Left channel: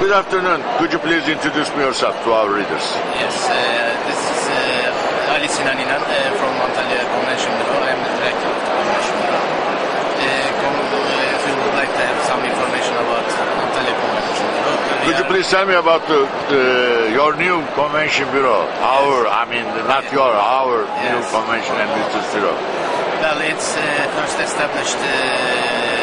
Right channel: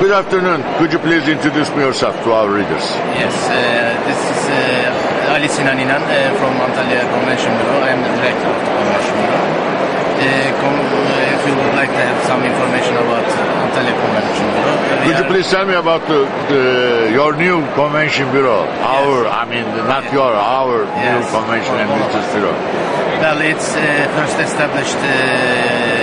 Good afternoon. Could you please introduce yourself to our readers? Yes, this is Ali Sinan İnan from Antalya Convention Bureau. I am the director of the Convention Bureau. If you would like to have some information about Antalya Convention Bureau, could you please tell me about your new Convention Bureau? Our new Convention and Visitors Bureau. Well, it's first established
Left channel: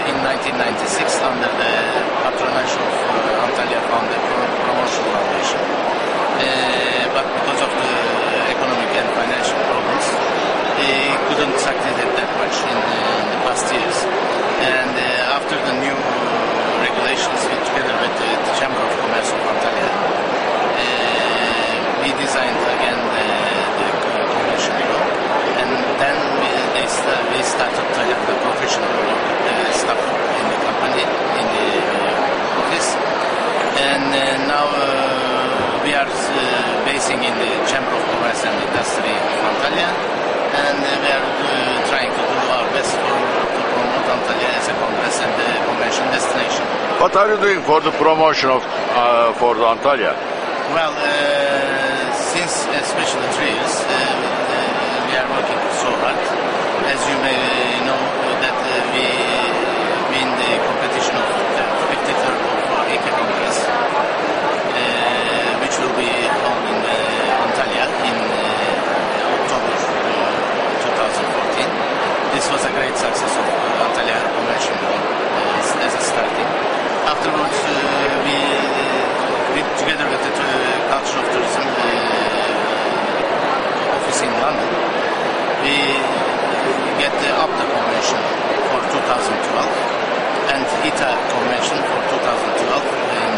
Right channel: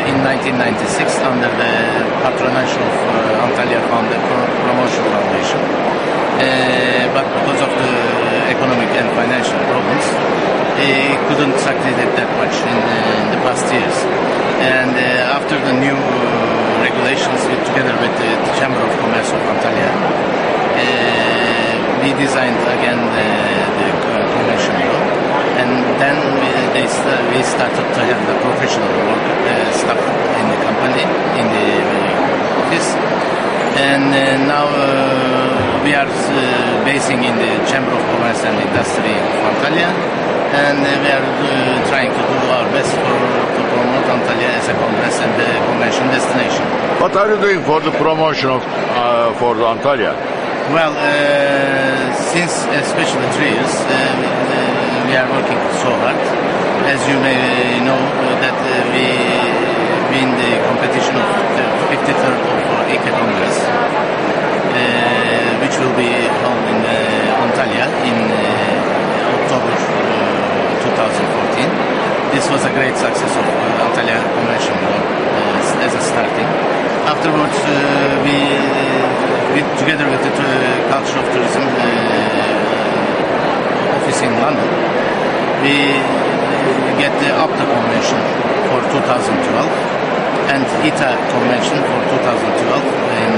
in 1996 under the patronage of Antalya Promotion Foundation. But because of the economic and financial problems, it couldn't succeed that much in the past years. And after the new regulations, together with the Chamber of Commerce of Antalya, we designed again the Convention Bureau. And then we started to have the professional work staff in the company, in the office. And now we are basing in the Chamber of Commerce and Industry of Antalya. And we are trying to do our best to promote Antalya as a congress and the convention destination. What are you doing for the promotion of for the Antalya? Well, since especially 3 years, we are working so hard. As you may know, that we win the competition of the 53rd of IKE Congress, which will be held in Antalya in October 2014. This was a great success of Antalya Convention as a starting. Afterwards, we together with the Culture of Tourism office in London, we get the APTA Convention for 2012 and ITA Convention for 2012 in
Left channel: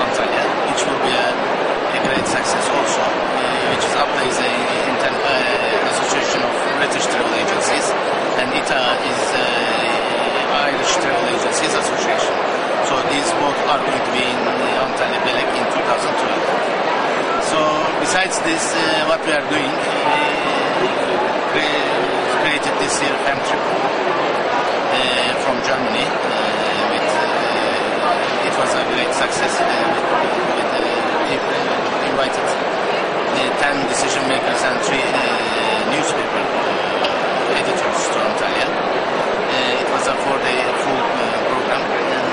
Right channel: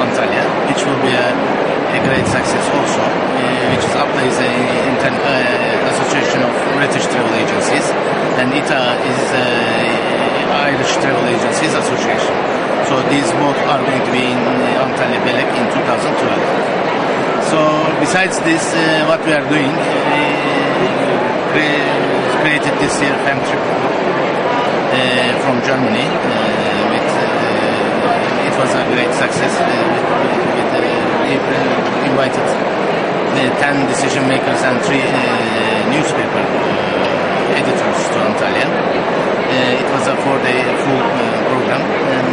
Antalya, which will be a great success also, which is APTA is an association of British travel agencies, and ITA is Irish Travel Agencies Association. So these both are going to be in Antalya Belek in 2012. So besides this, what we are doing, we created this year FEM trip from Germany. It was a great success. We invited 10 decision makers and 3 newspaper editors to Antalya. It was a 4-day full program, and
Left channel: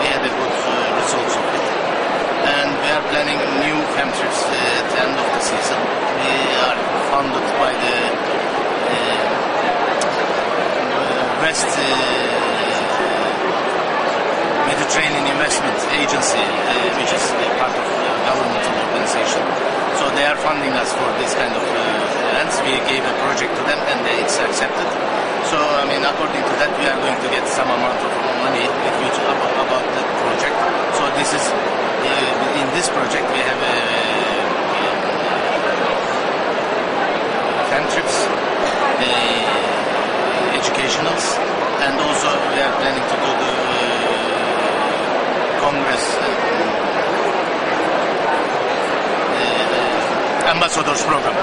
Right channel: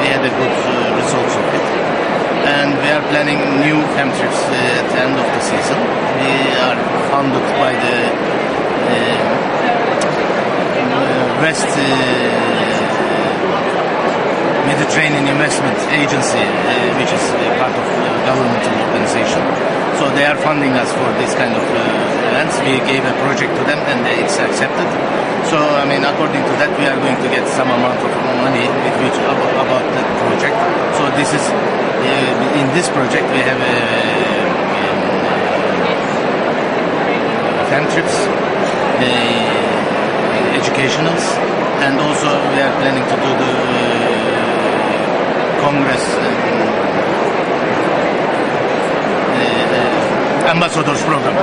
we had a good results of it. And we are planning new FEM trips at the end of the season. We are funded by the West Mediterranean Investment Agency, which is part of the governmental organization. So they are funding us for this kind of events. We gave a project to them and it's accepted. So, I mean, according to that, we are going to get some amount of money about that project. So this is, in this project, we have FEM trips, educationals, and also we are planning to do the Congress ambassadors program.